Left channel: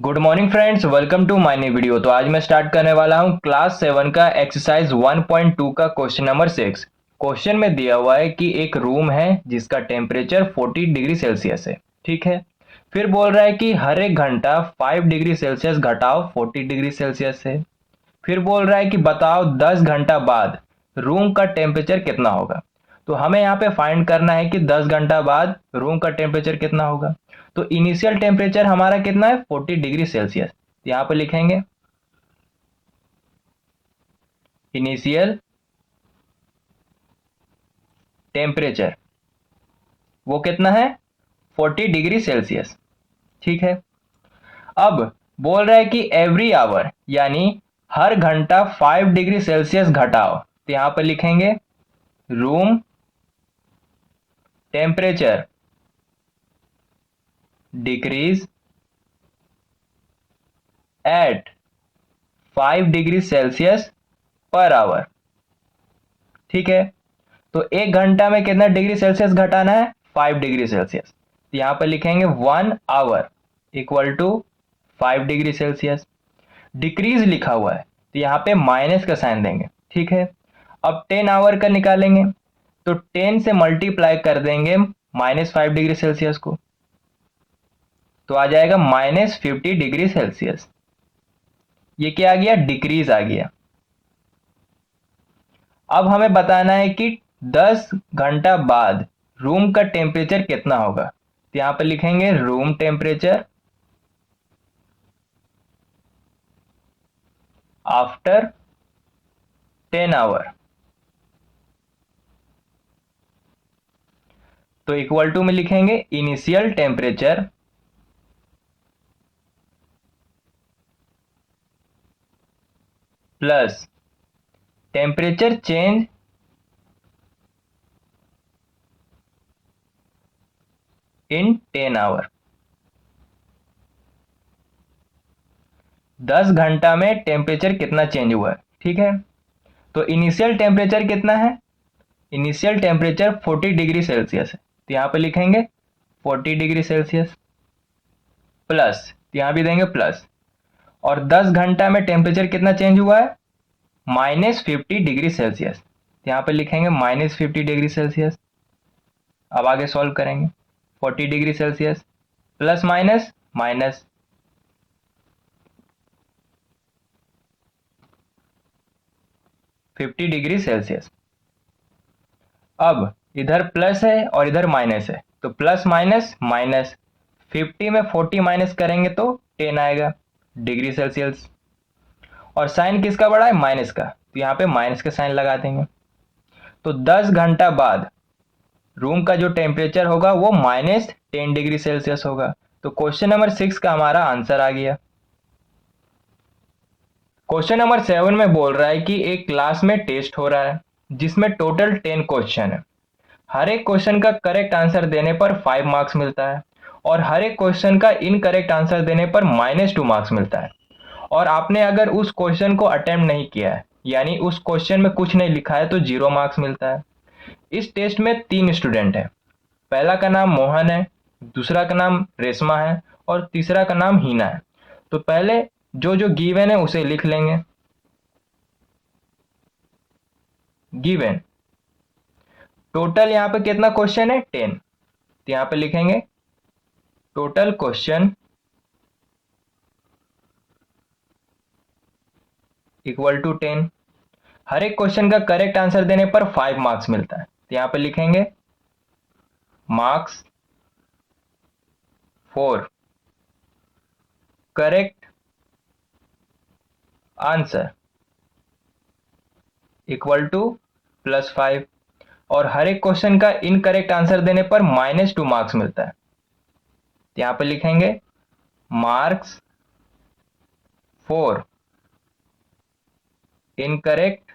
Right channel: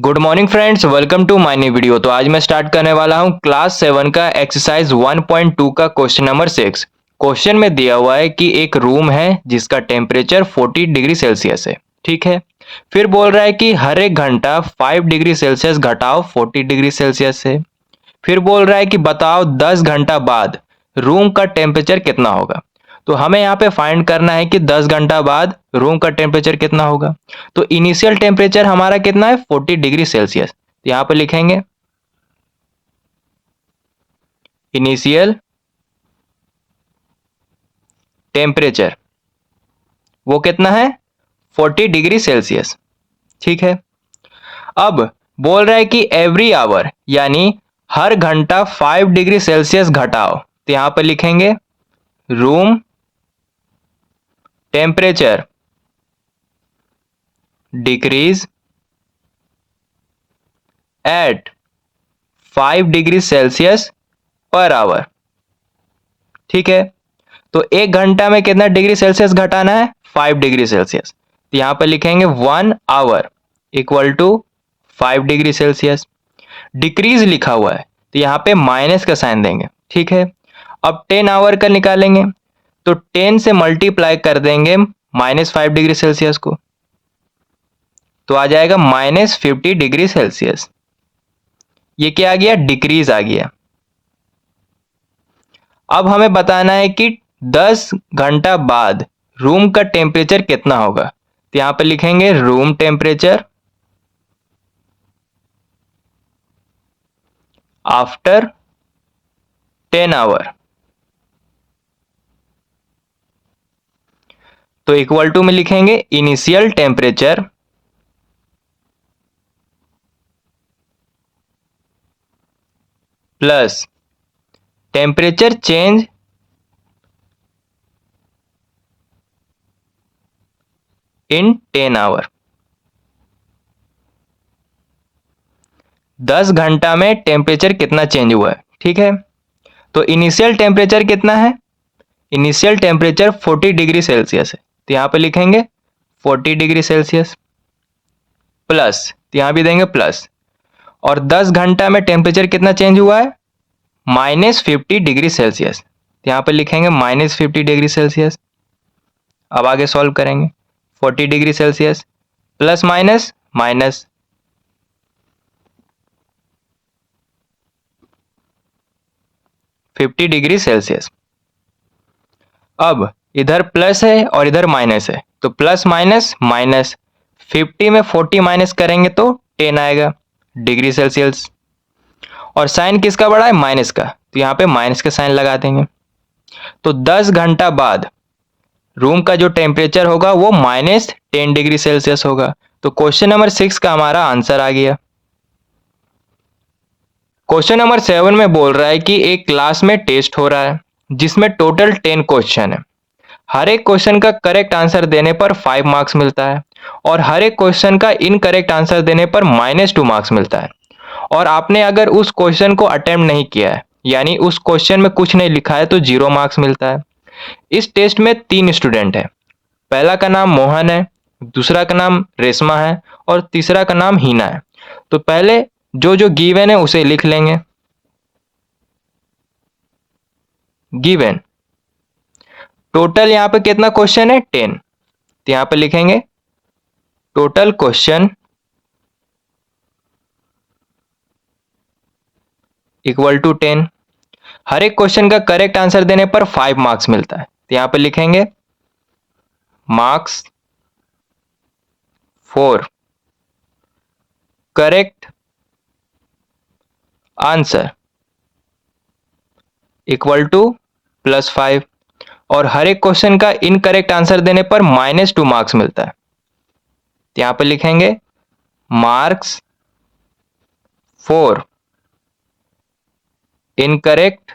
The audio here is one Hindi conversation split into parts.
Good morning friends, welcome to my new video. तो आज मैं स्टार्ट करने वाला हूं क्लास 7 का एक्सरसाइज 1.2 का क्वेश्चन नंबर 6। क्वेश्चन में दिया हुआ है कि एक रूम है जिसका टेम्परेचर 40 डिग्री सेल्सियस है। ठीक है। फिर बोल रहा है कि हर एक घंटा 5 डिग्री सेल्सियस घटाओ 40 डिग्री सेल्सियस से। फिर बोल रहा है कि बताओ 10 घंटा बाद रूम का टेम्परेचर कितना होगा। तो हमें यहाँ पे फाइंड करना है कि 10 घंटा बाद रूम का टेम्परेचर कितना होगा। तो इनिशियल टेम्परेचर हमारा कितना है 40 डिग्री सेल्सियस। तो यहाँ पे लिखेंगे इनिशियल टेम्परेचर, वो कितना है 40 डिग्री सेल्सियस। ठीक है। अब बोल रहा है कि एवरी आवर यानी हर घंटा 5 डिग्री सेल्सियस घटाओ। तो यहाँ पे लिखेंगे room temperature decrease at 5 degree Celsius per hour. ठीक है। तो एक घंटा में कितना डिग्री सेल्सियस घटाना है 5 डिग्री सेल्सियस। तो यहां पर लिखेंगे 1 hour equal to 5 degree Celsius. Decrease लिखा हुआ है तो यहां पे माइनस का साइन देंगे। ठीक है। अब 10 आवर का निकालेंगे तो 10 से मल्टीप्लाई कर देंगे -5 डिग्री सेल्सियस को, तो आ जाएगा -50 डिग्री सेल्सियस। ये क्या आ गया, डिक्रीज आ गया। अब हमें बताना है कि 10 घंटा बाद रूम का टेम्परेचर कितना होगा। तो यहां पर लिखेंगे रूम टेम्परेचर आफ्टर 10 आवर। तो इक्वल टू में लिखेंगे initial temperature plus temperature change in 10 hour. 10 घंटा में टेम्परेचर कितना चेंज हुआ है। ठीक है। तो इनिशियल टेम्परेचर कितना है, इनिशियल टेम्परेचर 40 डिग्री सेल्सियस है। तो यहां पे लिखेंगे 40 डिग्री सेल्सियस प्लस, तो यहां भी देंगे प्लस, और 10 घंटा में टेम्परेचर कितना चेंज हुआ है -50 डिग्री सेल्सियस। यहाँ पर लिखेंगे -50 डिग्री सेल्सियस। अब आगे सॉल्व करेंगे 40 degree Celsius plus minus minus 50 degree Celsius. अब इधर प्लस है और इधर माइनस है तो प्लस माइनस माइनस, 50 में 40 माइनस करेंगे तो 10 आएगा डिग्री सेल्सियस। और साइन किसका बड़ा है, माइनस का, तो यहाँ पे माइनस का साइन लगा देंगे। तो 10 घंटा बाद रूम का जो टेम्परेचर होगा वो -10 डिग्री सेल्सियस होगा। तो क्वेश्चन नंबर 6 का हमारा आंसर आ गया। क्वेश्चन नंबर 7 में बोल रहा है कि एक क्लास में टेस्ट हो रहा है जिसमें टोटल 10 क्वेश्चन है। हर एक क्वेश्चन का करेक्ट आंसर देने पर 5 मार्क्स मिलता है और हर एक क्वेश्चन का इनकरेक्ट आंसर देने पर -2 मार्क्स मिलता है। और आपने अगर उस क्वेश्चन को अटेम्प्ट नहीं किया है यानी उस क्वेश्चन में कुछ नहीं लिखा है तो 0 मार्क्स मिलता है। इस टेस्ट में 3 स्टूडेंट हैं। पहला का नाम मोहन है, दूसरा का नाम रेशमा है और तीसरा का नाम हीना है। तो पहले जो जो गिवन है उसे लिख लेंगे। गिवन टोटल यहाँ पे कितना क्वेश्चन है 10, तो यहाँ पे लिखेंगे टोटल क्वेश्चन इक्वल टू 10। हर एक क्वेश्चन का करेक्ट आंसर देने पर 5 मार्क्स मिलता है, तो यहाँ पे लिखेंगे marks for correct answer equal to +5। और हर एक क्वेश्चन का इनकरेक्ट आंसर देने पर -2 मार्क्स मिलता है, तो यहाँ पे लिखेंगे marks for incorrect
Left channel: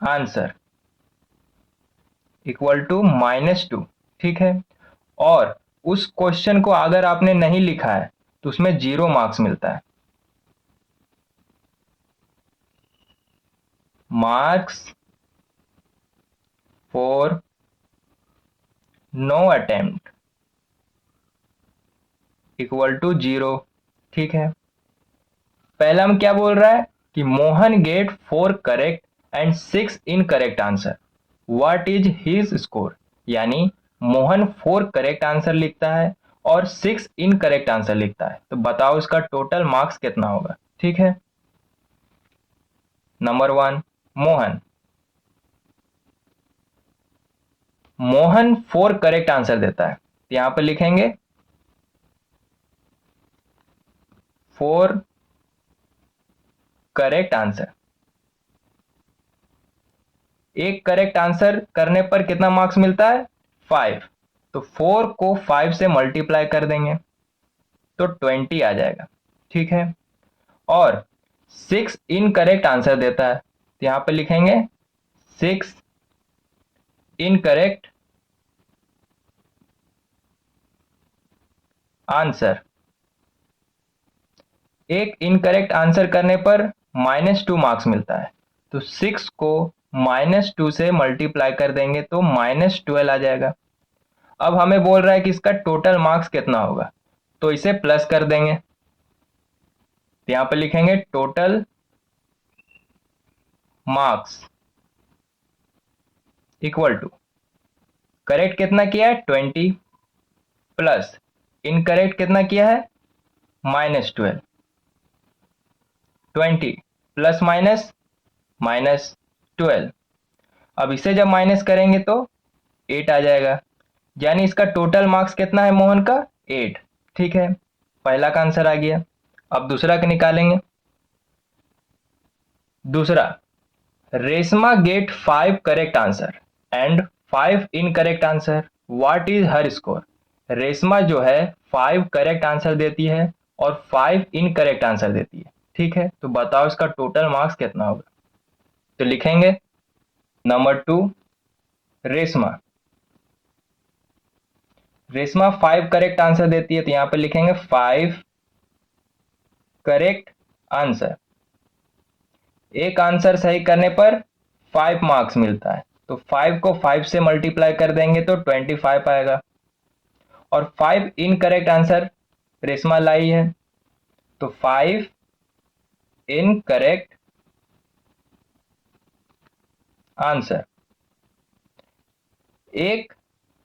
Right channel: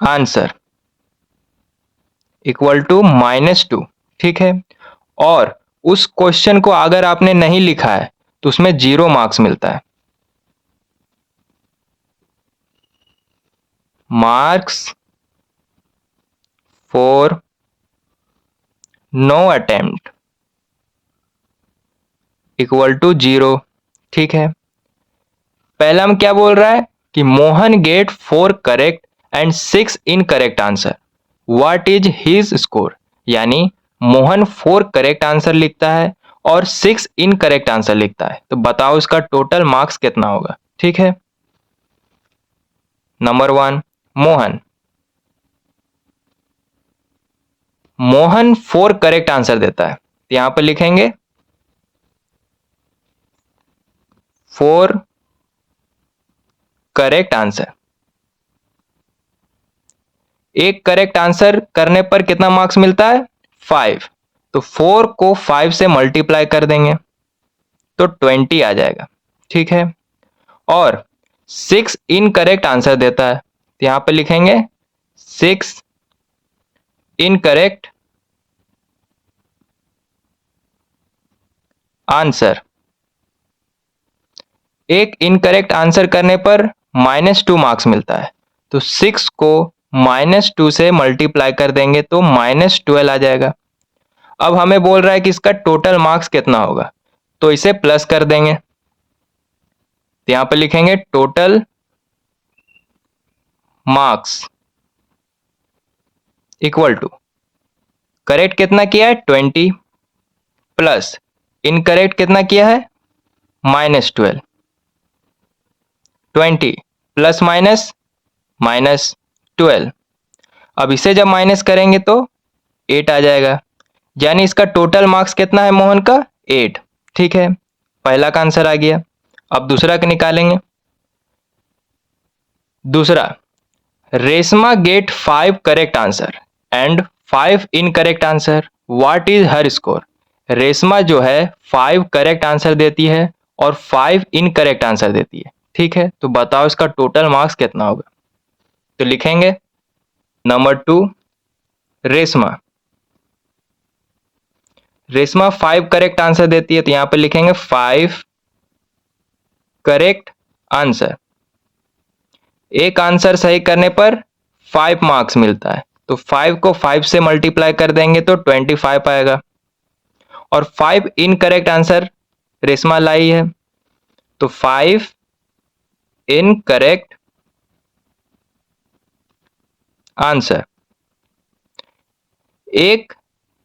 answer equal to -2। ठीक है। और उस क्वेश्चन को अगर आपने नहीं लिखा है तो उसमें 0 मार्क्स मिलता है। Marks for no attempt equal to 0। ठीक है, पहला हम क्या बोल रहा है कि Mohan get 4 correct and 6 incorrect answer, what is his score. यानी मोहन 4 करेक्ट आंसर लिखता है और 6 इनकरेक्ट आंसर लिखता है, तो बताओ इसका टोटल मार्क्स कितना होगा। ठीक है, number 1, Mohan Mohan 4 correct answer देता है, तो यहां पर लिखेंगे 4 करेक्ट आंसर। एक करेक्ट आंसर करने पर कितना मार्क्स मिलता है, 5। तो 4 को 5 से मल्टीप्लाई कर देंगे तो 20 आ जाएगा। ठीक है, और 6 इनकरेक्ट आंसर देता है, तो यहां पे लिखेंगे 6 इनकरेक्ट आंसर। एक इनकरेक्ट आंसर करने पर -2 मार्क्स मिलता है, तो 6 को -2 से मल्टीप्लाई कर देंगे तो -12 आ जाएगा। अब हमें बोल रहा है कि इसका टोटल मार्क्स कितना होगा, तो इसे प्लस कर देंगे, तो यहां पर लिखेंगे total marks equal to, correct कितना किया है 20 प्लस इनकरेक्ट कितना किया है -12, 20 प्लस माइनस -12। अब इसे जब माइनस करेंगे तो 8 आ जाएगा, यानी इसका टोटल मार्क्स कितना है मोहन का 8। ठीक है, पहला का आंसर आ गया। अब दूसरा का निकालेंगे। दूसरा, Reshma get 5 correct answer and 5 incorrect answer, what is her score. Reshma जो है 5 करेक्ट आंसर देती है और 5 इनकरेक्ट आंसर देती है। ठीक है, तो बताओ इसका टोटल मार्क्स कितना होगा। तो लिखेंगे number 2, Reshma Reshma 5 correct answer देती है, तो यहां पर लिखेंगे 5 करेक्ट आंसर। एक आंसर सही करने पर 5 मार्क्स मिलता है, तो 5 को 5 से मल्टीप्लाई कर देंगे तो 25 आएगा। और 5 इनकरेक्ट आंसर रेशमा लाई है, तो 5 इनकरेक्ट आंसर। एक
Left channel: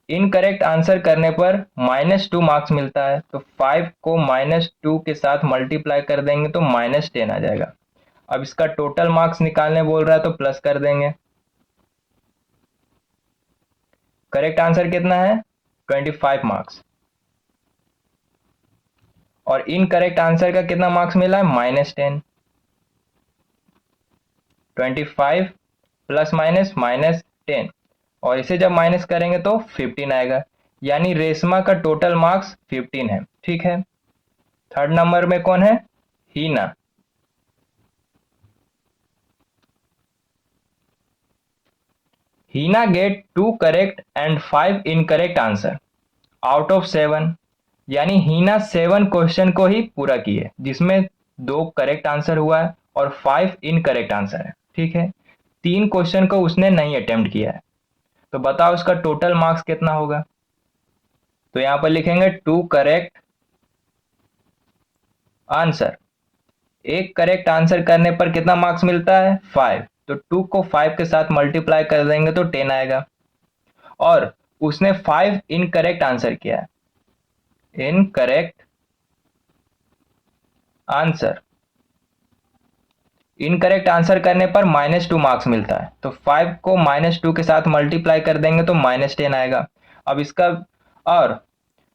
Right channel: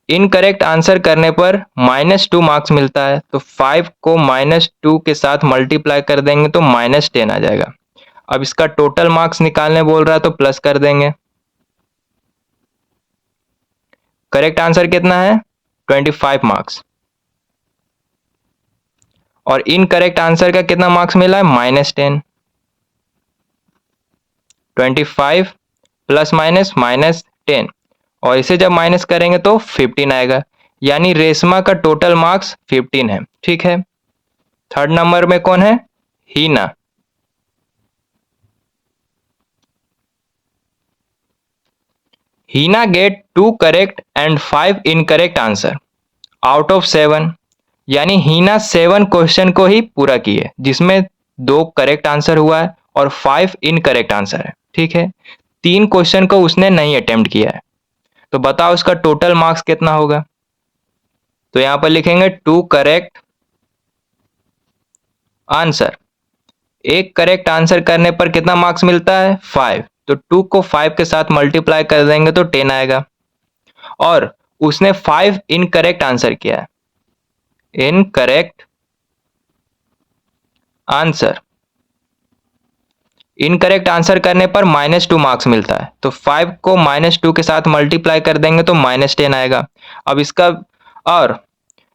इनकरेक्ट आंसर करने पर -2 मार्क्स मिलता है, तो 5 को -2 के साथ मल्टीप्लाई कर देंगे तो -10 आ जाएगा। अब इसका टोटल मार्क्स निकालने बोल रहा है तो प्लस कर देंगे। करेक्ट आंसर कितना है 25 मार्क्स, और इनकरेक्ट आंसर का कितना मार्क्स मिला है -10। 25 प्लस माइनस -10, और इसे जब माइनस करेंगे तो 15 आएगा, यानी रेशमा का टोटल मार्क्स 15 है। ठीक है, थर्ड नंबर में कौन है, Heena. Heena get 2 correct and 5 incorrect answer out of 7, यानी हीना 7 क्वेश्चन को ही पूरा की है, जिसमें 2 करेक्ट आंसर हुआ है और 5 इनकरेक्ट आंसर है। ठीक है, 3 क्वेश्चन को उसने नहीं अटेम्प्ट किया है, तो बताओ उसका टोटल मार्क्स कितना होगा। तो यहां पर लिखेंगे 2 करेक्ट आंसर। एक करेक्ट आंसर करने पर कितना मार्क्स मिलता है 5, तो 2 को 5 के साथ मल्टीप्लाई कर देंगे तो 10 आएगा। और उसने 5 इनकरेक्ट आंसर किया है, इनकरेक्ट आंसर। इनकरेक्ट आंसर करने पर -2 मार्क्स मिलता है, तो 5 को -2 के साथ मल्टीप्लाई कर देंगे तो -10 आएगा। अब इसका, और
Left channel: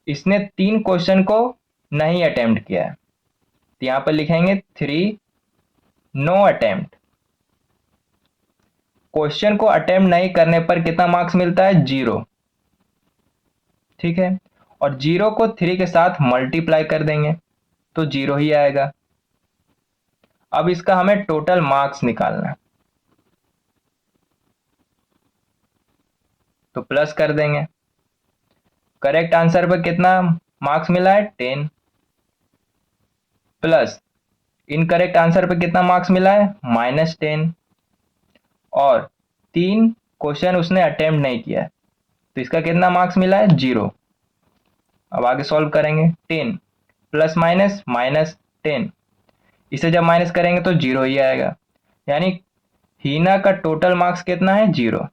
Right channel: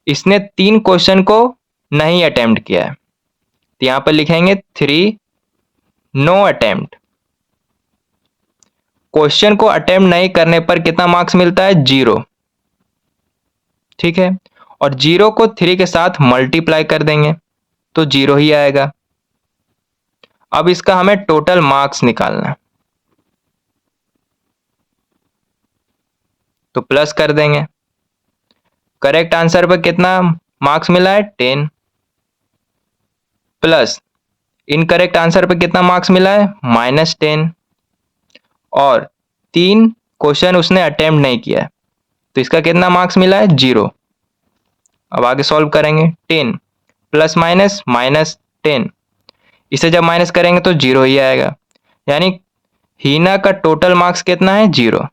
इसने 3 क्वेश्चन को नहीं अटेम्प्ट किया है, तो यहां पर लिखेंगे 3 नो अटेम्प्ट। क्वेश्चन को अटेम्प्ट नहीं करने पर कितना मार्क्स मिलता है 0। ठीक है, और 0 को 3 के साथ मल्टीप्लाई कर देंगे तो 0 ही आएगा। अब इसका हमें टोटल मार्क्स निकालना है, तो प्लस कर देंगे। करेक्ट आंसर पर कितना मार्क्स मिला है 10, प्लस इनकरेक्ट आंसर पर कितना मार्क्स मिला है -10, और 3 क्वेश्चन उसने अटेम्प्ट नहीं किया है, तो इसका कितना मार्क्स मिला है 0। अब आगे सॉल्व करेंगे। 10 प्लस माइनस -10, इसे जब माइनस करेंगे तो 0 ही आएगा, यानी हीना का टोटल मार्क्स कितना है? 0।